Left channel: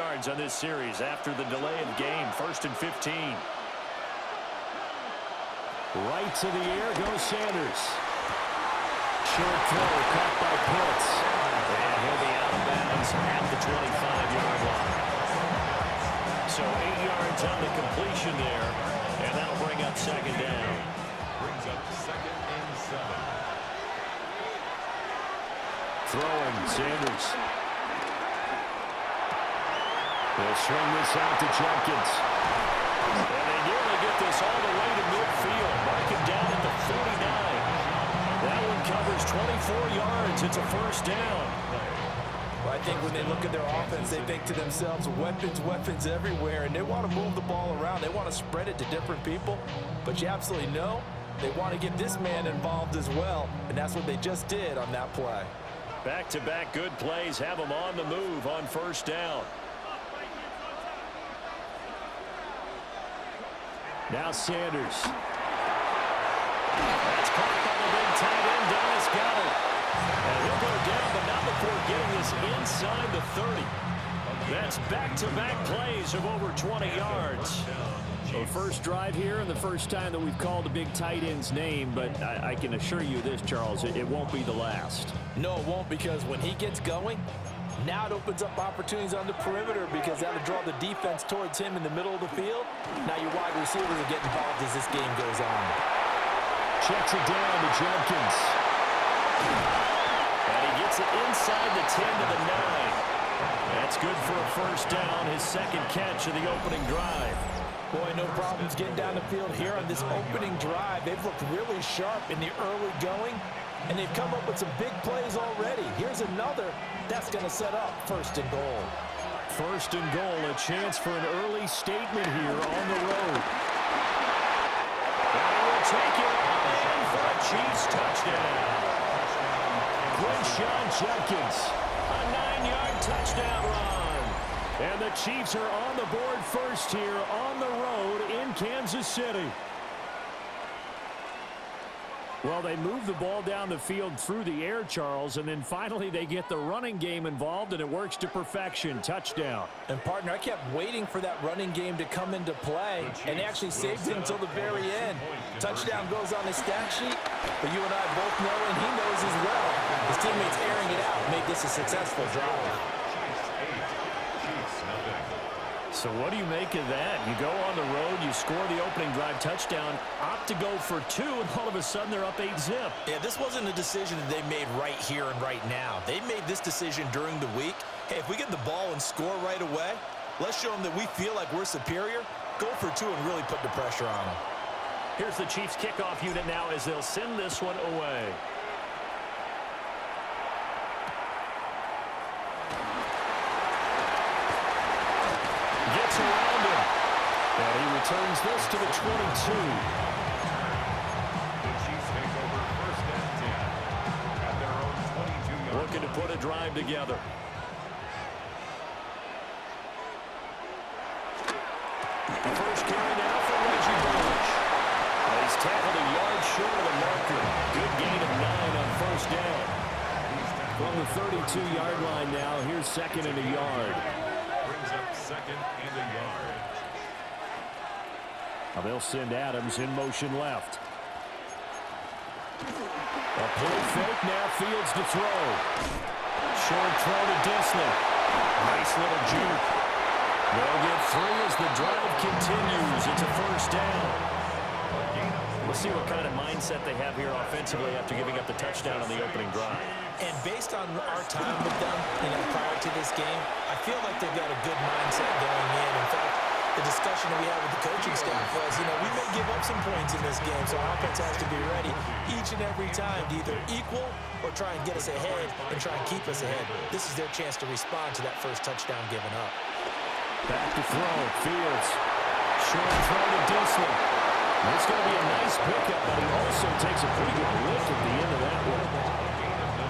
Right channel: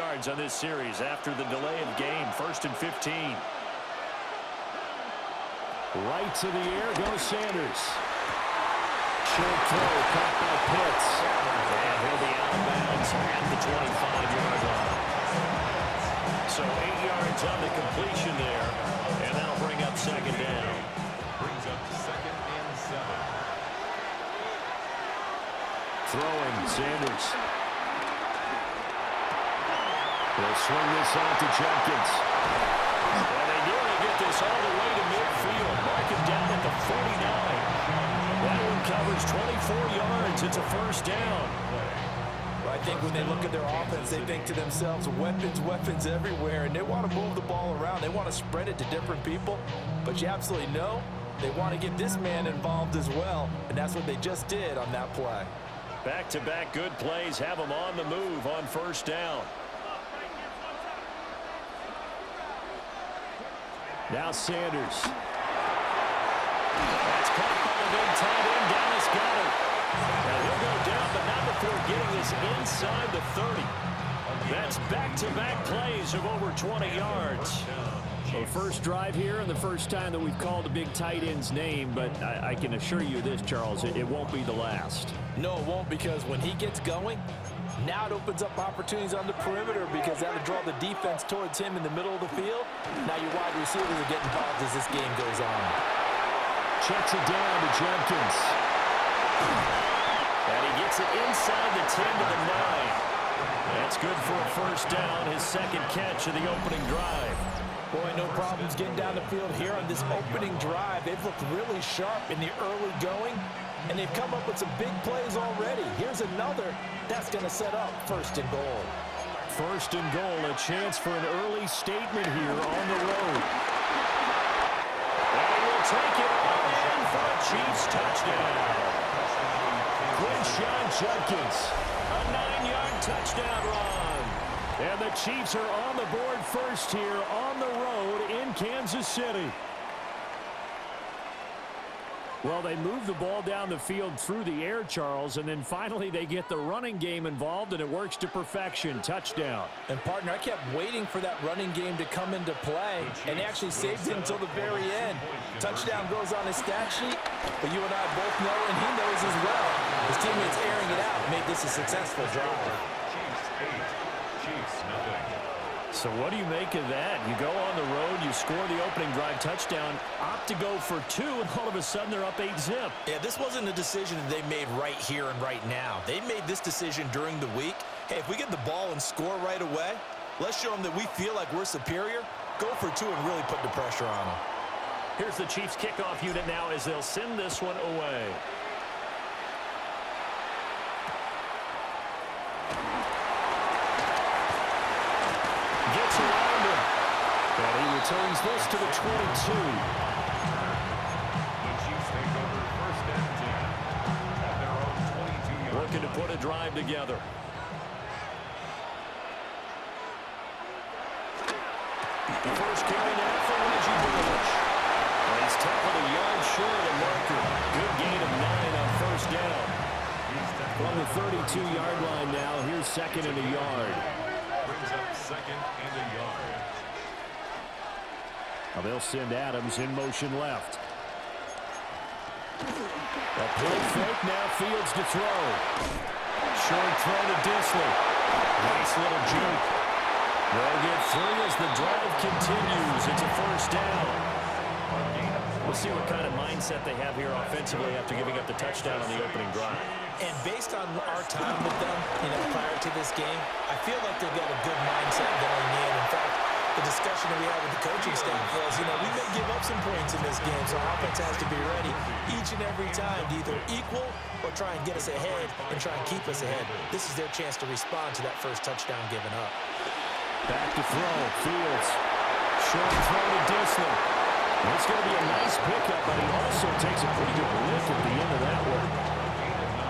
yards on this series after the delay of game. 1st and 15. Right to the air goes Sanders. Short throw caught by Pitts. And he'll be out of bounds at the 25-yard line. So 8 yards on the completion there, and that'll bring up 2nd down. Brings up 2nd and 7. Throwing, Sanders. They'll swing this out to Jenkins. And they nearly get this all the way to midfield. Mark him down at the 49. That one covers 24 yards. It's a 1st down. Well, I think when they look at their offense, they think to themselves, weapons, weapons everywhere, and they want to move the ball around. They want to spread it to different people. But you absolutely know they want to get this man involved as well, and that's what they just did on that play. Back-to-back good plays have them on the move on 1st down. Now Sanders. That's caught by the big tight end, Dallas Goedert. And he'll go down, but not before getting this inside the 30. That's back-to-back plays of over 20 yards. So first drive here and the first time that we've called a big tight end's name, but I can assure you this, Charles, it won't be the last. No, it won't, because when he gets going, now it opens up opportunities on the perimeter because that'll draw the defense towards him in the middle of the field. Now your wide receivers will get involved as this game goes on. Checks it down to Jenkins. And he gets it inside the 10 to the 9. That's good for a 1st down, his 2nd catch of the opening drive. Boy, no problems getting down the field here on this opening drive. They've looked really sharp in the early going, and they've come up with some big plays already. Here's another that's going to set up 1st and goal. 1st and goal, a chance for an early statement here on the road. And he will take it all in for a Chiefs touchdown. Quinshon Judkins. A 9-yard touchdown run. And the Chiefs are on the board first here on the road in Kansas City. Well, they move the ball down the field through the air, Charles, and then finally they get the running game involved, and it works to perfection. Touchdown. And, partner, I kept waiting for that running game to come into play, and they actually saved it until the very end. Touchdown goes on his stat sheet, but you and I both know, and he knows as well, his teammates airing it out made this a successful drive. Chiefs 8, Chiefs nothing. So what do you make of that? You go on the road, you score the opening drive touchdown, opt to go for 2, and all of a sudden they're up 8-zip. Yeah, this wasn't a decision that they made right here and right now. They made this decision during the week. Hey, if we get the ball and score right away, let's show them that we feel like we're superior. Go for 2 and really put the pressure on them. Here's the Chiefs kickoff unit now as they'll send this one away. Gets around him. And he returns this to the 22. The Chiefs take over 1st and 10 at their own 22-yard line. Looking to put a drive together. The first carry now for Reggie Bush. He's tackled a yard short of the marker. Good gain of 9 on 1st down. From the 32-yard line now, here's 2nd and a yard. Brings up 2nd and a yard. Now they'll send Adams in motion left. A play fake, now Fields to throw. Short throw to Disley. Nice little juke. They'll get 3 as the drive continues. It's a 1st down. We'll see what kind of mindset they have here offensively after giving up the touchdown on the opening drive. And based on our time with them, prior to this game, I feel like they've got a good mindset going in. In fact, the discussion that we had with the coaching staff was, we may give up some points in this game, so our offense has to be ready each and every time to either equal or try and get us ahead and try and keep us ahead. This is their chance to respond to that first touchdown given up. Back to throw, Fields. Short throw to Disley. It's going to be a nice pickup, but he also takes a pretty good lick at the end of that one.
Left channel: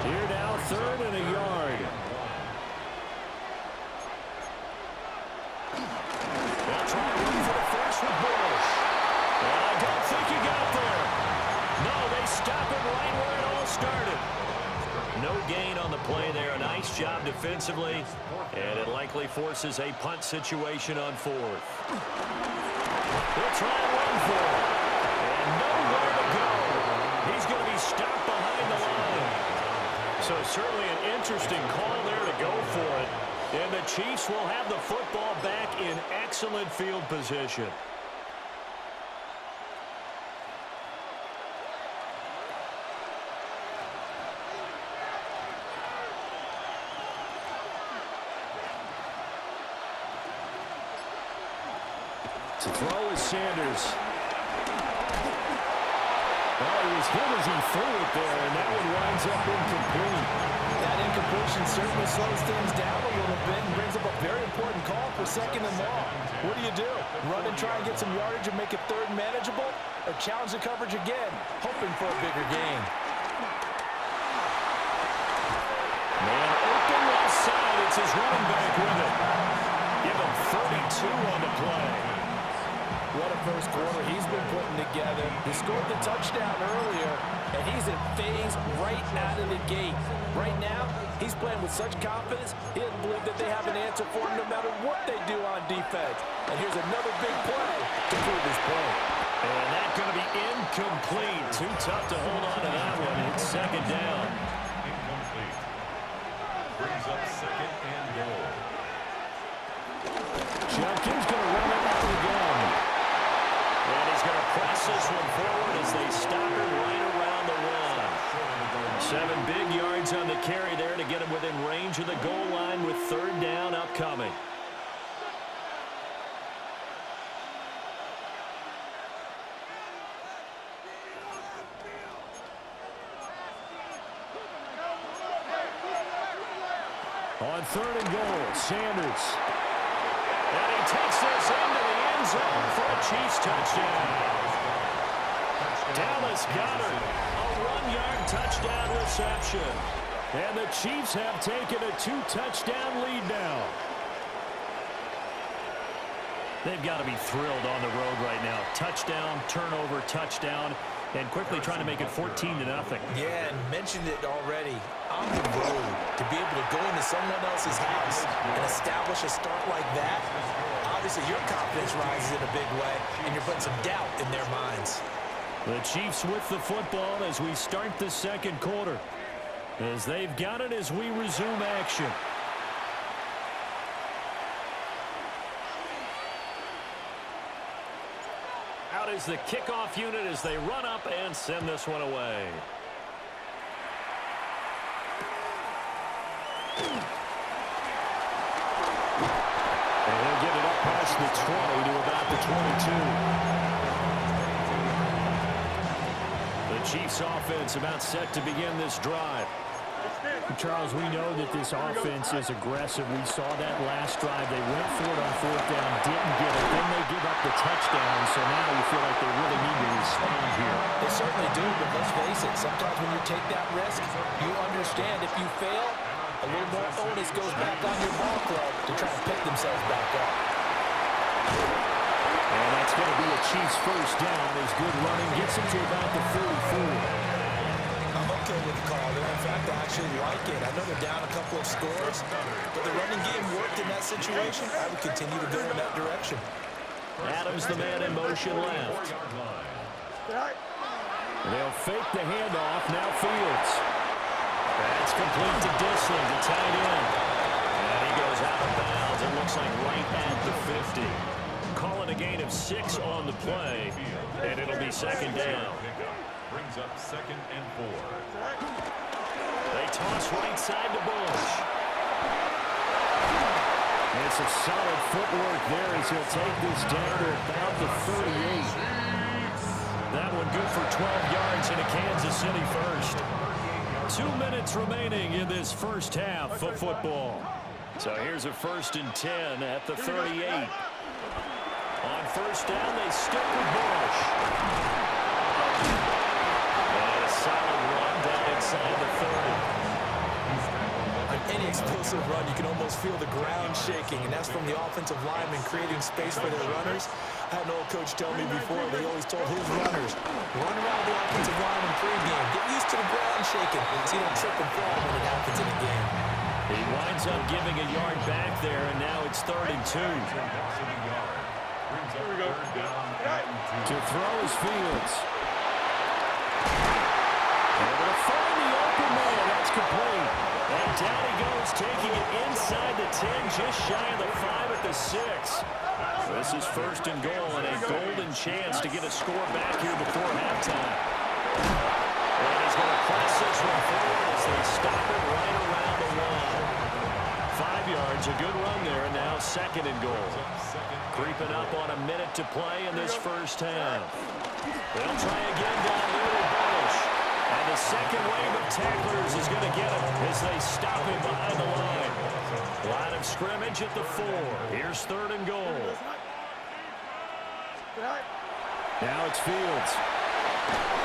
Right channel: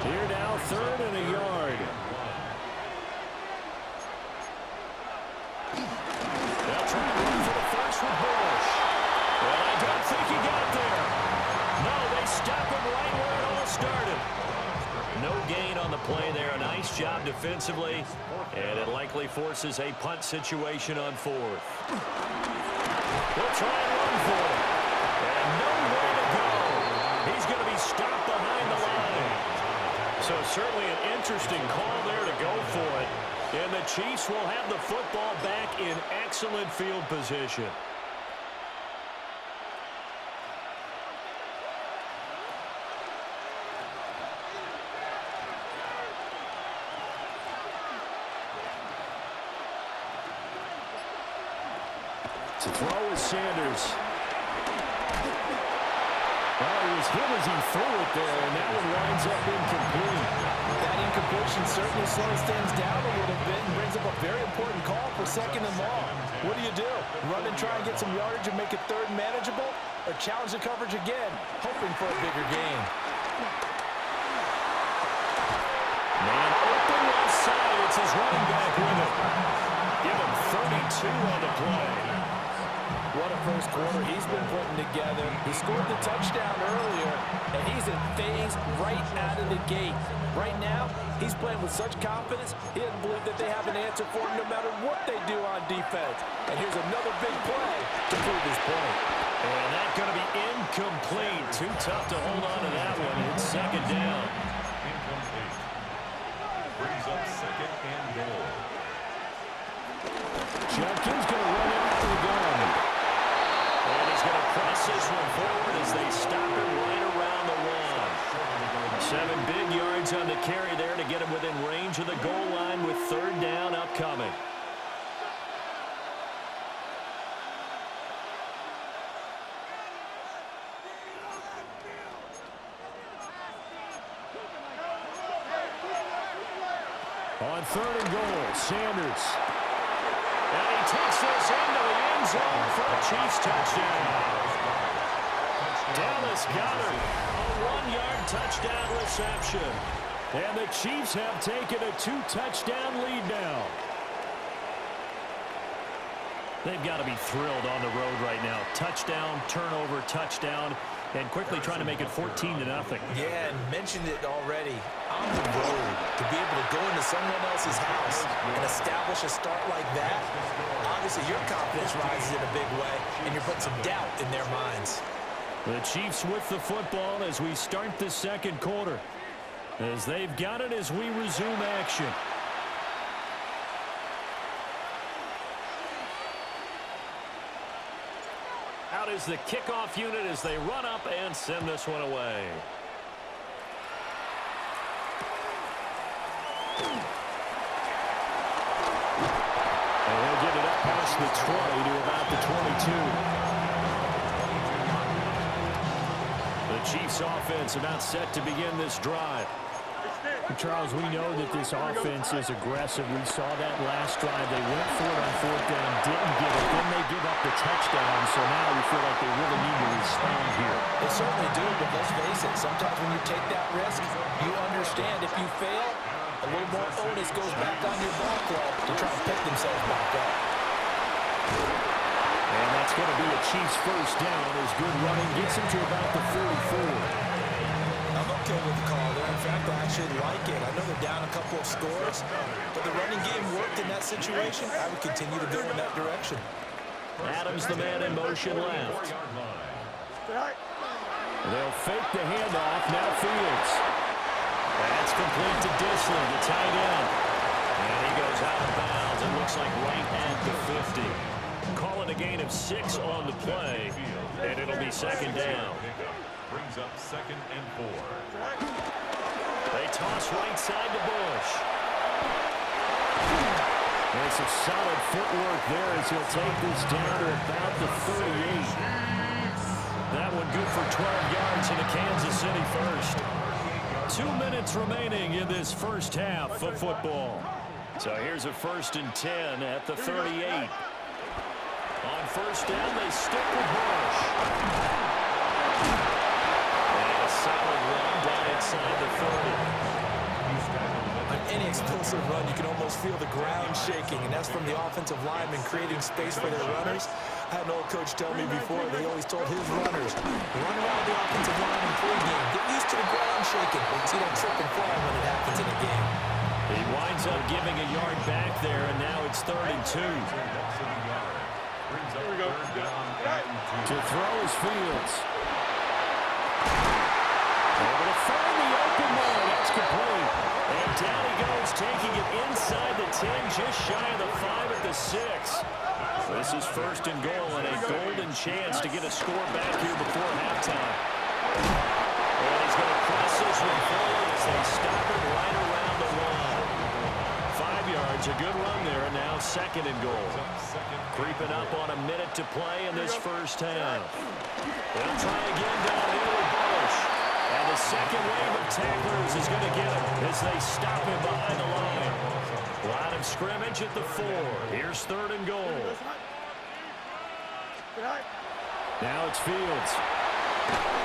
Here now, 3rd and a yard. They'll try and run for the first with Bush. And I don't think he got there. No, they stop him right where it all started. No gain on the play there. A nice job defensively, and it likely forces a punt situation on fourth. They'll try and run for it, and nowhere to go. He's going to be stopped behind the line. So certainly an interesting call there to go for it. And the Chiefs will have the football back in excellent field position. To throw is Sanders. Well, he was hit as he threw it there, and that one winds up incomplete. That incompletion certainly slows things down a little bit and brings up a very important call for second and long. What do? Run and try and get some yardage and make it third and manageable, or challenge the coverage again, hoping for a bigger gain? Man open left side. It's his running back with it. Give him 32 on the play. What a first quarter he's been putting together. He scored the touchdown earlier, and he's in phase right out of the gate. Right now, he's playing with such confidence, he doesn't believe that they have an answer for him no matter what they do on defense. And here's another big play to prove his point. And that's going to be incomplete. Too tough to hold on to that one. It's second down. Incomplete. Brings up second and goal. Junkins going to run it out of the gun. And he's going to press this one forward as they stop him right around the one. 7 big yards on the carry there to get him within range of the goal line with third down upcoming. On third and goal, Sanders. And he takes this into the end zone for a Chiefs touchdown. Dallas Goedert, a 1-yard touchdown reception. And the Chiefs have taken a 2-touchdown lead now. They've got to be thrilled on the road right now. Touchdown, turnover, touchdown, and quickly trying to make it 14-0. Yeah, and mentioned it already. On the road, to be able to go into someone else's house and establish a start like that, obviously your confidence rises in a big way, and you're putting some doubt in their minds. The Chiefs with the football as we start the second quarter, as they've got it as we resume action. Out is the kickoff unit as they run up and send this one away. And he'll get it up past the 20 to about the 22. The Chiefs offense about set to begin this drive. Charles, we know that this offense is aggressive. We saw that last drive. They went for it on fourth down, didn't get it. Then they give up the touchdown, so now we feel like they really need to respond here. They certainly do, but let's face it, sometimes when you take that risk, you understand if you fail, a little more onus goes back on your ball club to try and pick themselves back up. And that's going to be a Chiefs first down as good running gets them to about the 44. I'm okay with the call there. In fact, I actually like it. I know they're down a couple of scores, but the running game worked in that situation. I would continue to go in that direction. Adams, the man in motion left. They'll fake the handoff. Now Fields. That's complete to Disley, the tight end. And he goes out of bounds. It looks like right at the 50. Calling a gain of 6 on the play, and it'll be second down. Brings up second and 4. They toss right side to Bush. And some solid footwork there as he'll take this down to about the 38. That one good for 12 yards in a Kansas City first. 2 minutes remaining in this first half of football. So here's a 1st and 10 at the 38. On first down, they stick with Bush. And a solid run down inside the 30. He's tackled at On any explosive run, you can almost feel the ground shaking, and that's from the offensive linemen creating space for their runners. I had an old coach tell me before, they always told his runners, run around the offensive line in pregame. Get used to the ground shaking so you don't trip and fall when it happens in a game. He winds up giving a yard back there, and now it's 3rd and 2. Here we go. To throw is Fields. Able to find the open man. That's complete. And down he goes, taking it inside the 10, just shy of the 5 at the 6. This is 1st and goal, and a golden chance to get a score back here before halftime. And he's going to press this one forward as they stop it right around the 1. 5 yards, a good run there, and now 2nd and goal. Creeping up on a minute to play in this first half. They'll try again downhill with Bullish. And the second wave of tacklers is going to get him as they stop him behind the line. Line of scrimmage at the 4. Here's 3rd and goal. Now it's Fields.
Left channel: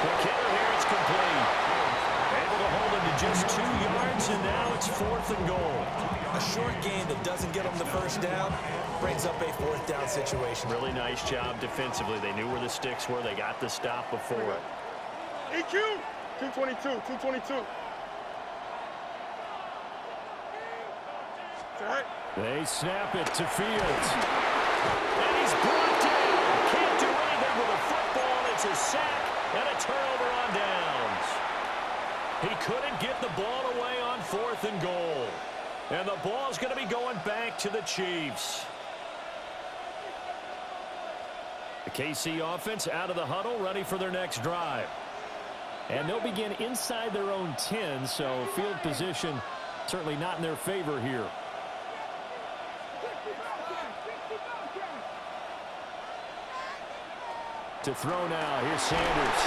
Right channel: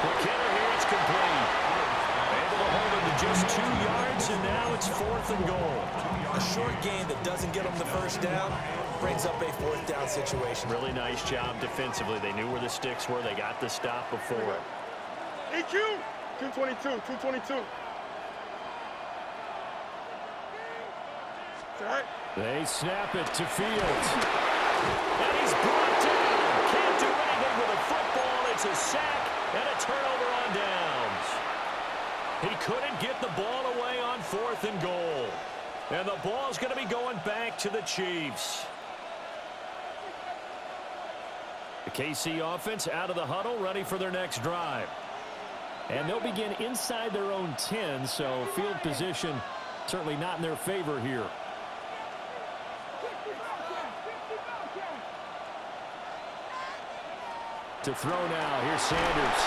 Quick hitter here, it's complete. Able to hold him to just 2 yards, and now it's 4th and goal. A short gain that doesn't get them the first down brings up a 4th down situation. Really nice job defensively. They knew where the sticks were. They got the stop before it. EQ! 222, 222. They snap it to Fields. And he's brought down. Can't do anything with a football. It's a sack and a turnover on downs. He couldn't get the ball away on 4th and goal. And the ball's going to be going back to the Chiefs. The KC offense out of the huddle, ready for their next drive. And they'll begin inside their own 10, so field position certainly not in their favor here. To throw now, here's Sanders.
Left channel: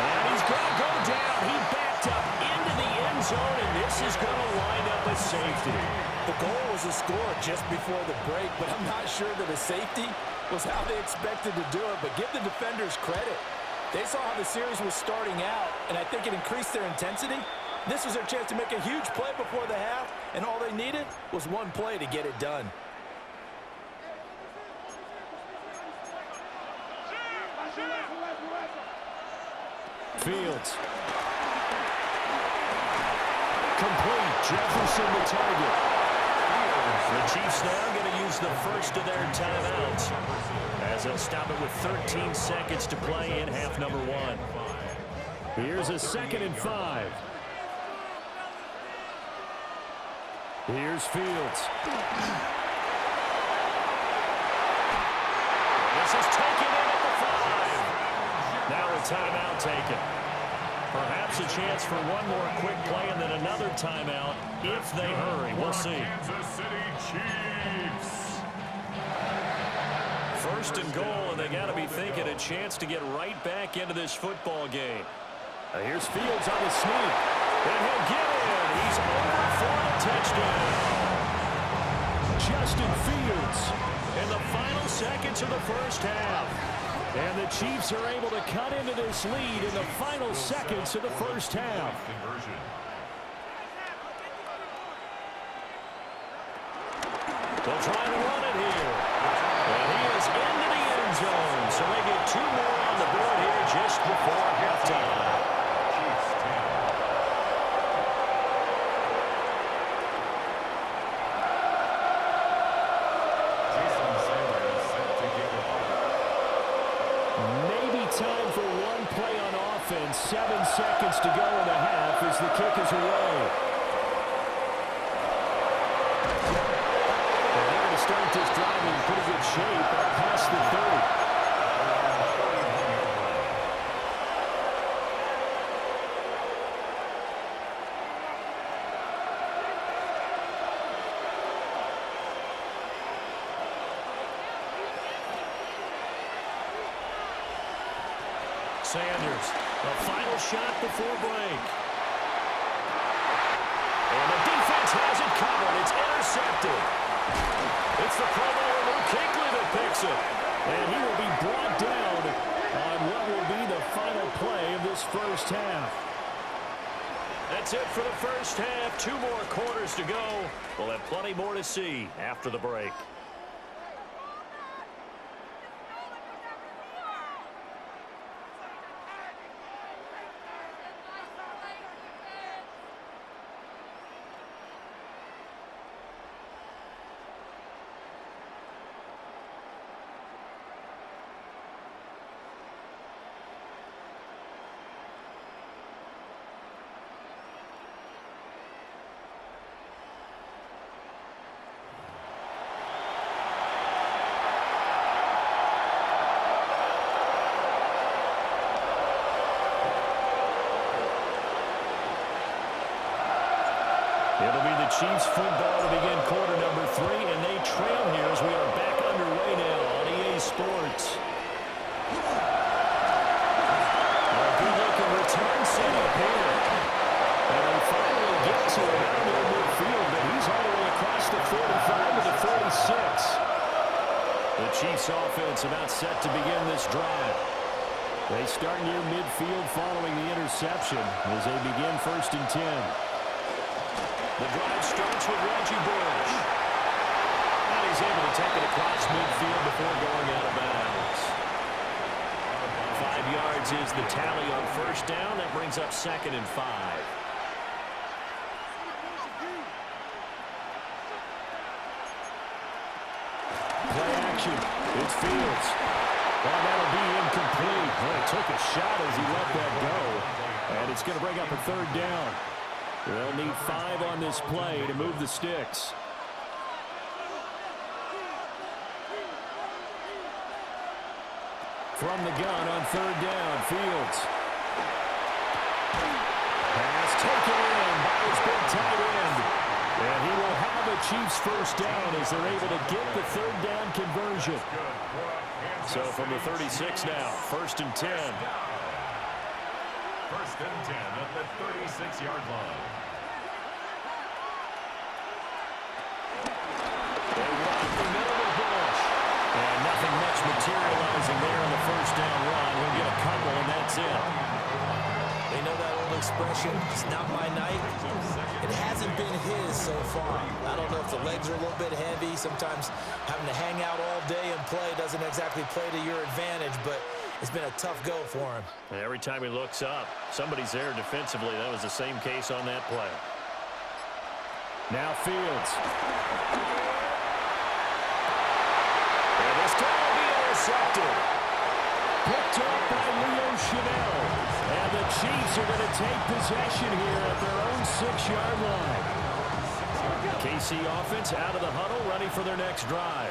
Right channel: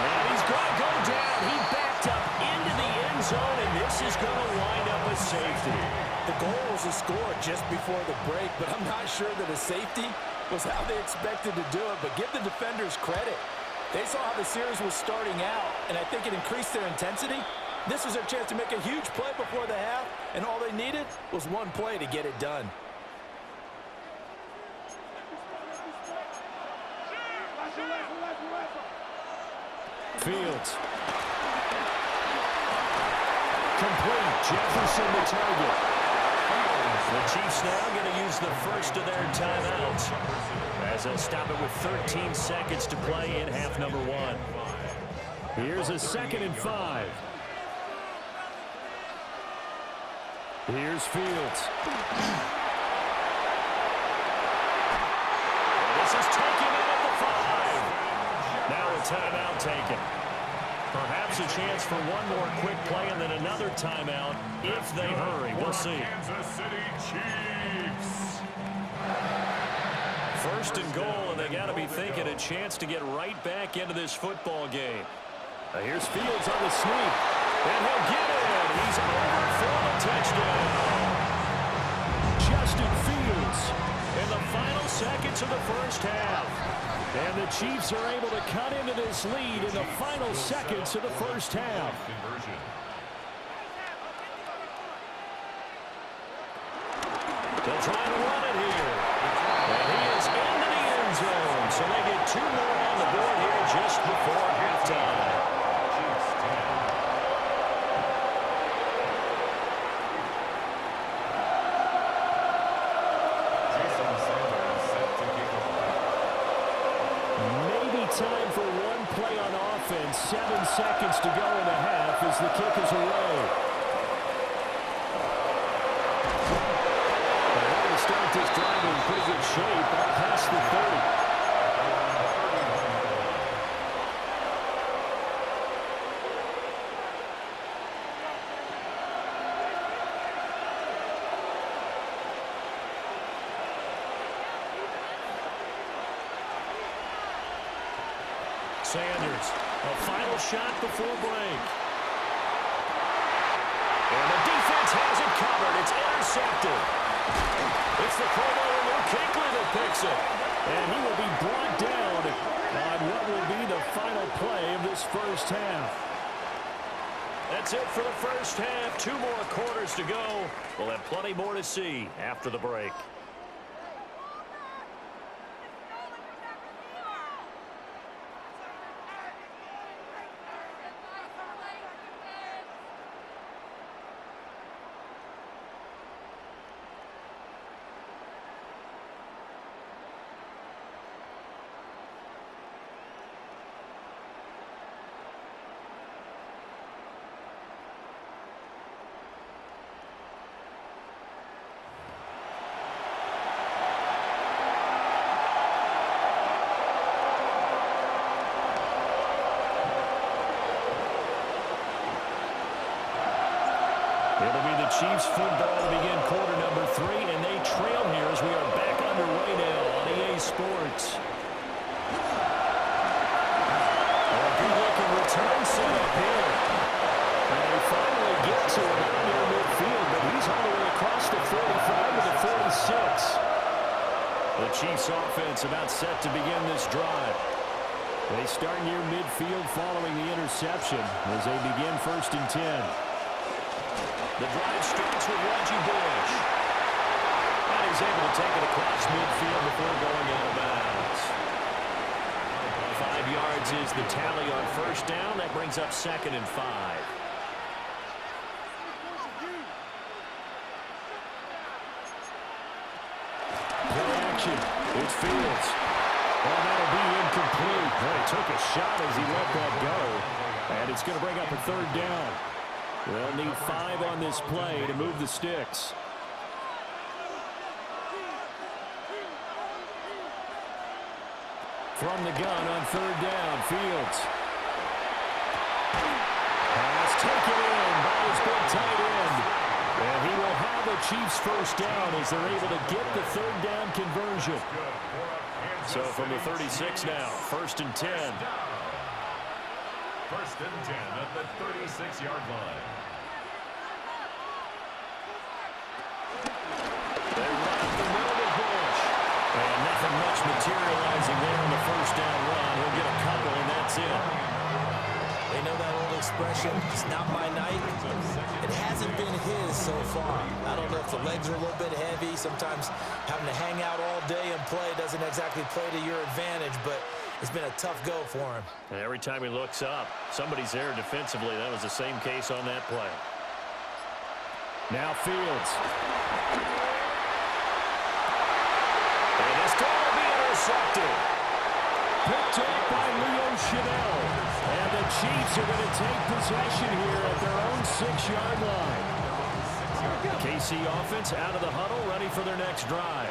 And he's going to go down. He backed up into the end zone, and this is going to wind up a safety. The goal was a score just before the break, but I'm not sure that a safety was how they expected to do it. But give the defenders credit. They saw how the series was starting out, and I think it increased their intensity. This was their chance to make a huge play before the half, and all they needed was one play to get it done. Fields. Complete. Jefferson the target. The Chiefs now going to use the first of their timeouts as they'll stop it with 13 seconds to play in half number 1. Here's a 2nd and 5. Here's Fields. This is taken in at the 5. Now a timeout taken. Perhaps a chance for one more quick play and then another timeout if they hurry. We'll see. Kansas City Chiefs. 1st and goal, and they got to be thinking a chance to get right back into this football game. Here's Fields on the sneak. And he'll get in. He's over for the touchdown. Justin Fields. In the final seconds of the first half. And the Chiefs are able to cut into this lead in the final seconds of the first half. They'll try to run it here. And he is into the end zone. So they get 2 more on the board here just before halftime. Chiefs 10. Time for one play on offense. 7 seconds to go in the half as the kick is away. And they're going to start this drive in pretty good shape up past the 30. Sanders, a final shot before break. And the defense has it covered. It's intercepted. It's the Pro Bowler Luke Kuechly that picks it. And he will be brought down on what will be the final play of this first half. That's it for the first half. 2 more quarters to go. We'll have plenty more to see after the break. It'll be the Chiefs football to begin quarter number 3, and they trail here as we are back underway now on EA Sports. A good-looking return set up here. And they finally get to him out near midfield, but he's all the way across the 45 to the 46. The Chiefs offense about set to begin this drive. They start near midfield following the interception as they begin 1st and 10. The drive starts with Reggie Bush. And he's able to take it across midfield before going out of bounds. 5 yards is the tally on 1st down. That brings up 2nd and 5. Play action. It's Fields. Well, that'll be incomplete. Well, he took a shot as he let that go. And it's going to bring up a 3rd down. They'll need 5 on this play to move the sticks. From the gun on 3rd down, Fields. Pass taken in by his big tight end. And he will have a Chiefs 1st down as they're able to get the 3rd down conversion. So from the 36 now, 1st and 10. 1st and 10 at the 36-yard line. They run up the middle with Bush. And nothing much materializing there on the 1st down run. He'll get a couple, and that's it. They know that old expression, it's not my night. It hasn't been his so far. I don't know if the legs are a little bit heavy. Sometimes having to hang out all day and play doesn't exactly play to your advantage, but it's been a tough go for him. And every time he looks up, somebody's there defensively. That was the same case on that play. Now Fields. And this throw will be intercepted. Picked up by Leo Chanel. And the Chiefs are going to take possession here at their own 6-yard line. KC offense out of the huddle, ready for their next drive.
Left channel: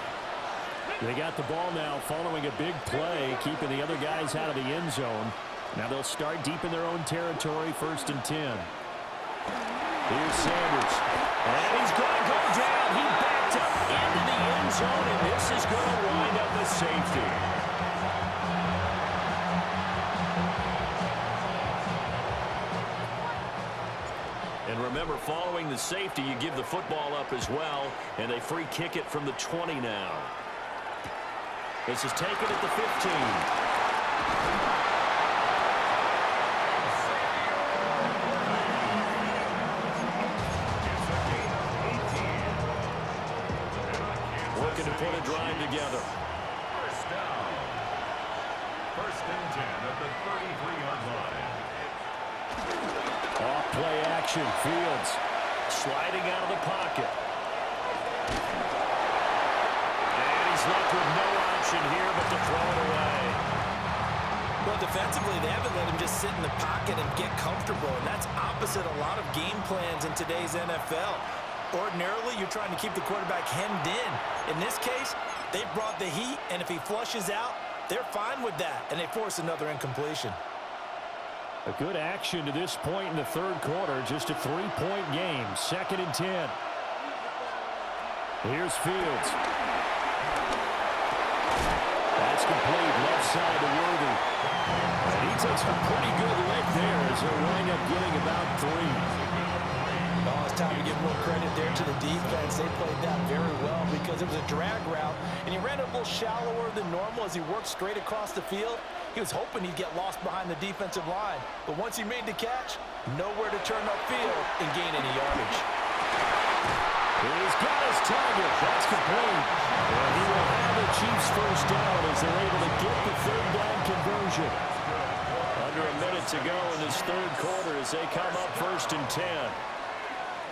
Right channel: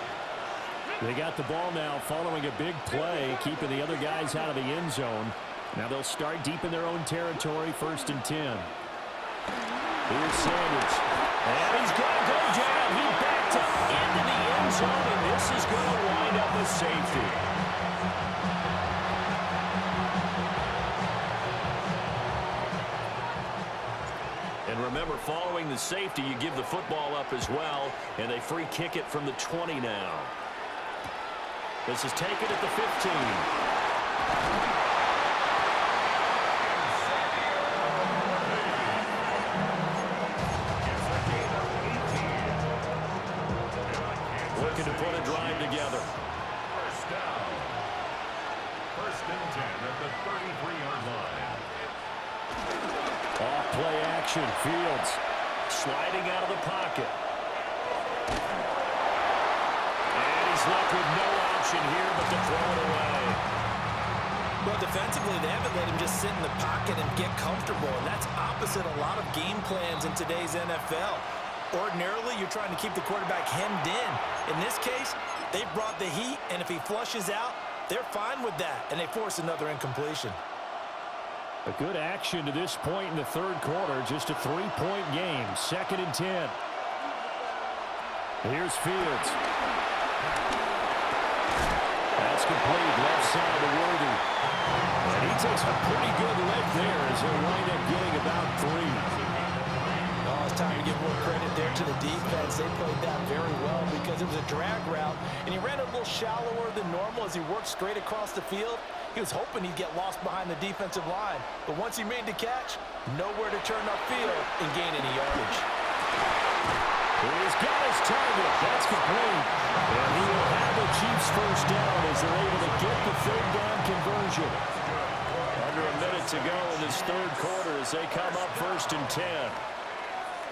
They got the ball now following a big play, keeping the other guys out of the end zone. Now they'll start deep in their own territory, 1st and 10. Here's Sanders. And he's going to go down. He backed up into the end zone, and this is going to wind up a safety. And remember, following the safety, you give the football up as well, and they free kick it from the 20 now. This is taken at the 15. Looking to put a drive together. 1st down. 1st and 10 at the 33-yard line. Off play action, Fields. Sliding out of the pocket. And he's left with no option here but to throw it away. Well, defensively, they haven't let him just sit in the pocket and get comfortable, and that's opposite a lot of game plans in today's NFL. Ordinarily, you're trying to keep the quarterback hemmed in. In this case, they've brought the heat, and if he flushes out, they're fine with that, and they force another incompletion. A good action to this point in the 3rd quarter. Just a 3-point game. 2nd and 10. Here's Fields. That's complete. Left side to Worthy. And he takes a pretty good lick there as he'll wind up getting about 3. Oh, it's time to give a little credit there to the defense. They played that very well because it was a drag route, and he ran it a little shallower than normal as he worked straight across the field. He was hoping he'd get lost behind the defensive line, but once he made the catch, nowhere to turn upfield and gain any yardage. He's got his target. That's complete. And he will have the Chiefs first down as they're able to get the third down conversion. Under a minute to go in this third quarter as they come up 1st and 10.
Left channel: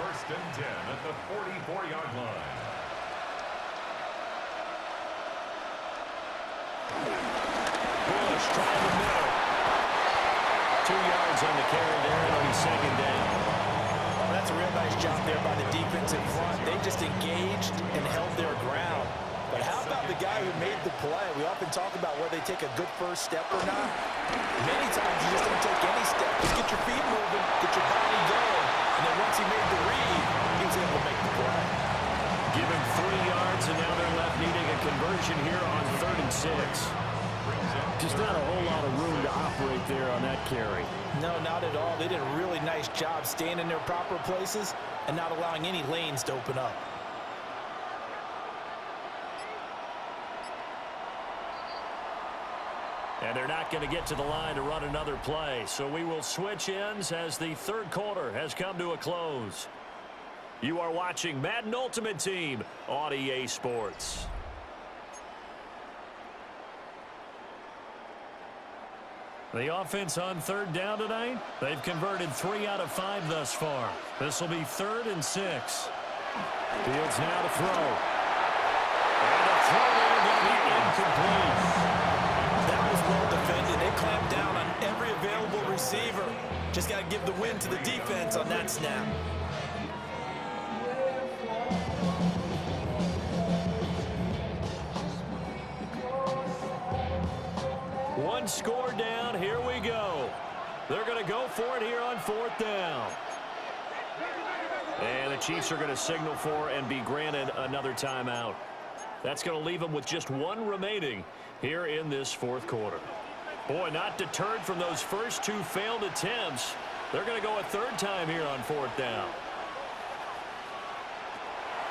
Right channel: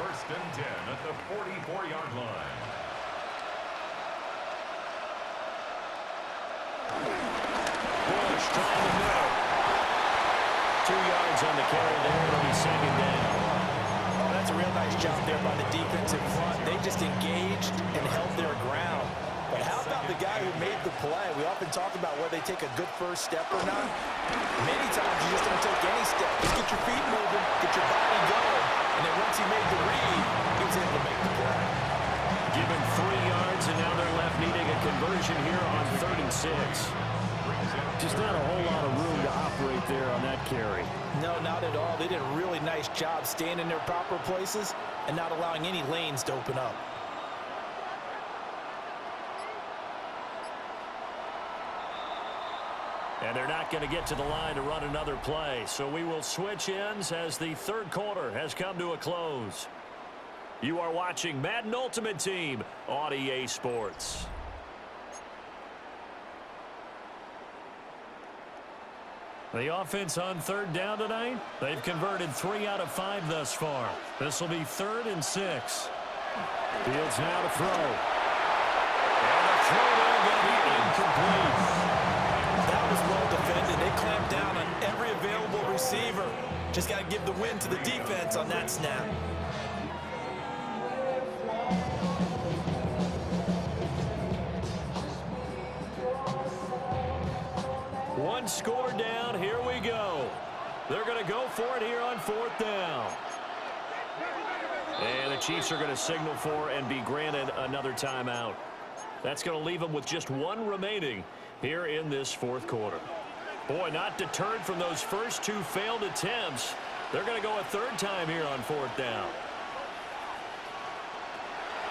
1st and 10 at the 44-yard line. Bush trying the middle. 2 yards on the carry there. It'll be 2nd down. Oh, that's a real nice job there by the defensive front. They just engaged and held their ground. But how about the guy who made the play? We often talk about whether they take a good first step or not. Many times you just don't take any step. Just get your feet moving, get your body going, and then once he made the read, he was able to make the play. Give him 3 yards, and now they're left needing a conversion here on 3rd and 6. Just not a whole lot of room to operate there on that carry. No, not at all. They did a really nice job staying in their proper places and not allowing any lanes to open up. And they're not going to get to the line to run another play. So we will switch ends as the third quarter has come to a close. You are watching Madden Ultimate Team on EA Sports. The offense on 3rd down tonight, they've converted 3 out of 5 thus far. This will be 3rd and 6. Fields now to throw. And the throw there going to be incomplete. That was well defended. They clamped down on every available receiver. Just got to give the win to the defense on that snap. One score down. Here we go. They're going to go for it here on 4th down. And the Chiefs are going to signal for and be granted another timeout. That's going to leave them with just 1 remaining here in this 4th quarter. Boy, not deterred from those first 2 failed attempts. They're going to go a 3rd time here on 4th down.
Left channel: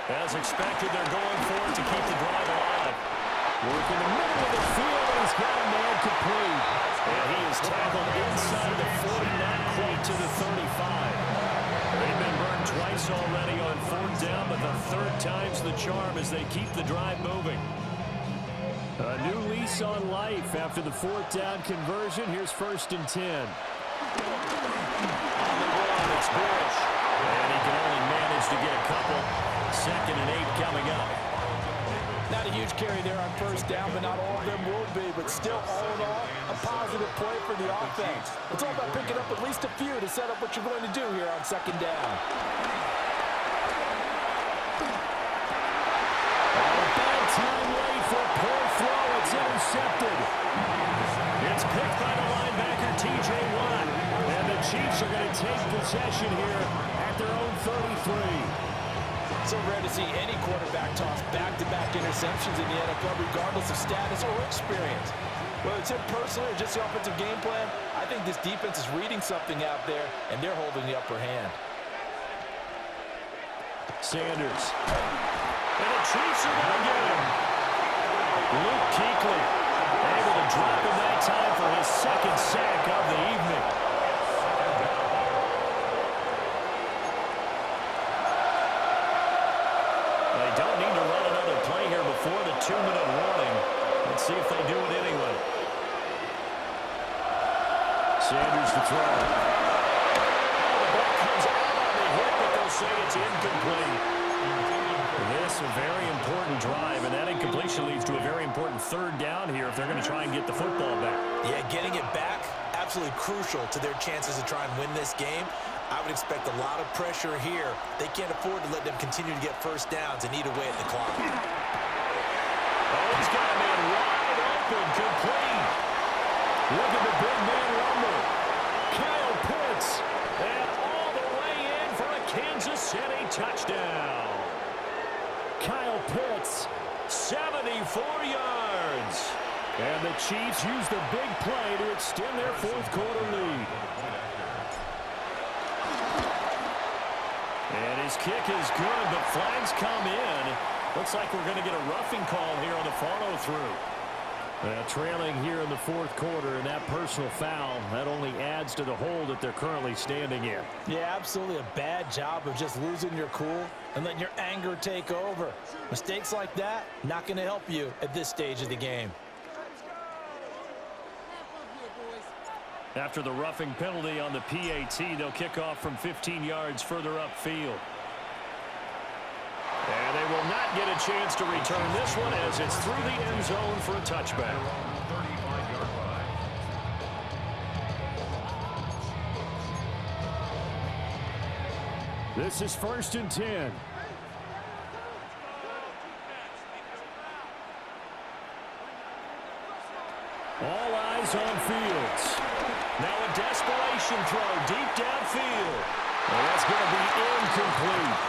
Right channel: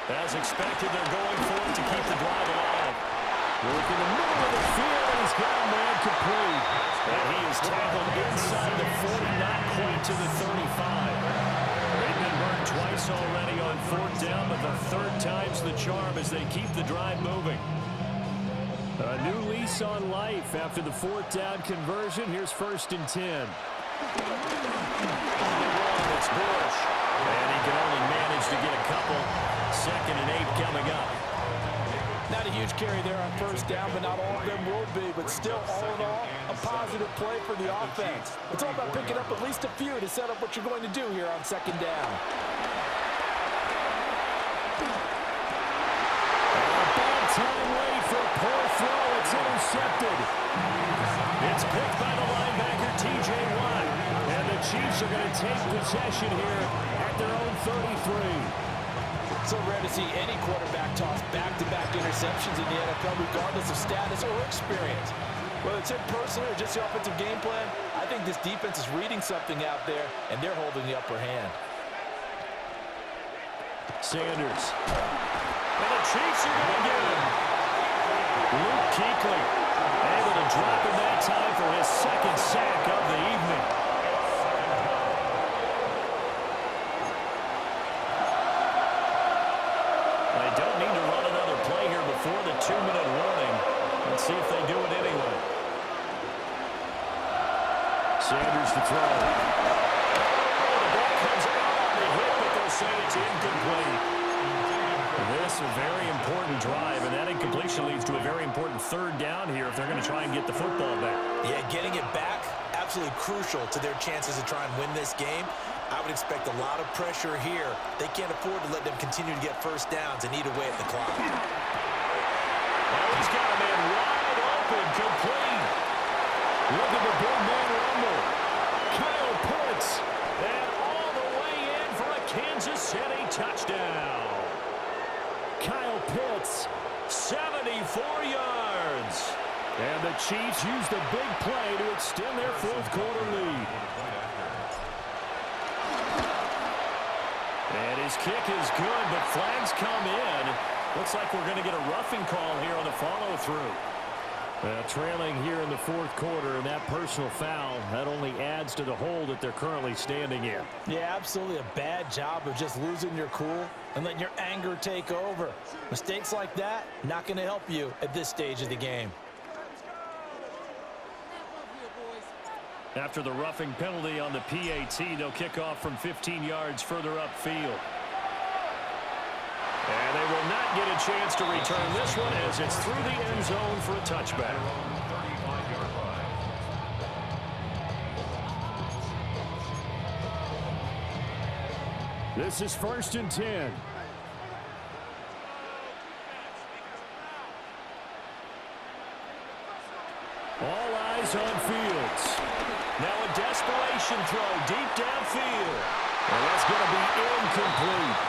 As expected, they're going for it to keep the drive alive. Work in the middle of the field, and he's got a man complete. And he is tackled inside the 40, not quite to the 35. They've been burned twice already on 4th down, but the 3rd time's the charm as they keep the drive moving. A new lease on life after the 4th down conversion. Here's 1st and 10. On the run, it's Bush. And he can only manage to get a couple. 2nd and 8 coming up. Not a huge carry there on 1st down, but not all of them will be. But still, all in all, a positive play for the offense. It's all about picking up at least a few to set up what you're going to do here on 2nd down. A bad time late for a poor throw. It's intercepted. It's picked by the linebacker, T.J. Watt. And the Chiefs are going to take possession here at their own 33. So rare to see any quarterback toss back-to-back interceptions in the NFL, regardless of status or experience. Whether it's him personally or just the offensive game plan, I think this defense is reading something out there, and they're holding the upper hand. Sanders. And the Chiefs are going to get him. Luke Kuechly able to drop him that time for his 2nd sack of the evening. They don't need to run another play here before the 2-minute warning. Let's see if they do it anyway. Sanders to throw. Oh, the ball comes out on the hit, but they'll say it's incomplete. This is a very important drive, and that incompletion leads to a very important 3rd down here if they're going to try and get the football back. Yeah, getting it back, absolutely crucial to their chances to try and win this game. I would expect a lot of pressure here. They can't afford to let them continue to get 1st downs and eat away at the clock. Oh, he's got a man wide open, complete. Look at the big man rumble. Kyle Pitts. And all the way in for a Kansas City touchdown. Kyle Pitts. 74 yards. And the Chiefs use the big play to extend their 4th quarter lead. And his kick is good, but flags come in. Looks like we're going to get a roughing call here on the follow-through. Trailing here in the fourth quarter, and that personal foul, that only adds to the hole that they're currently standing in. Yeah, absolutely a bad job of just losing your cool and letting your anger take over. Mistakes like that, not going to help you at this stage of the game. After the roughing penalty on the PAT, they'll kick off from 15 yards further upfield. And they will not get a chance to return this one as it's through the end zone for a touchback. 35-yard line. This is 1st and 10. All eyes on Fields. Now a desperation throw deep downfield. And that's going to be incomplete.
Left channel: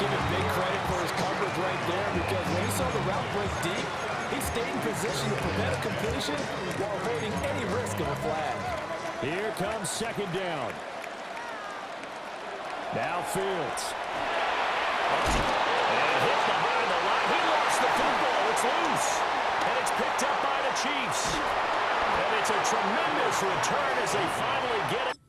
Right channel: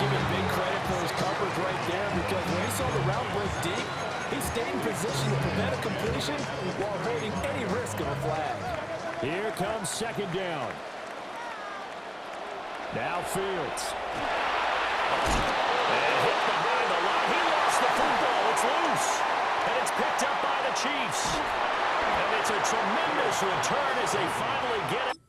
Give him big credit for his coverage right there, because when he saw the route break deep, he stayed in position to prevent a completion while avoiding any risk of a flag. Here comes 2nd down. Now Fields. And hit behind the line. He lost the football. It's loose. And it's picked up by the Chiefs. And it's a tremendous return as they finally get it.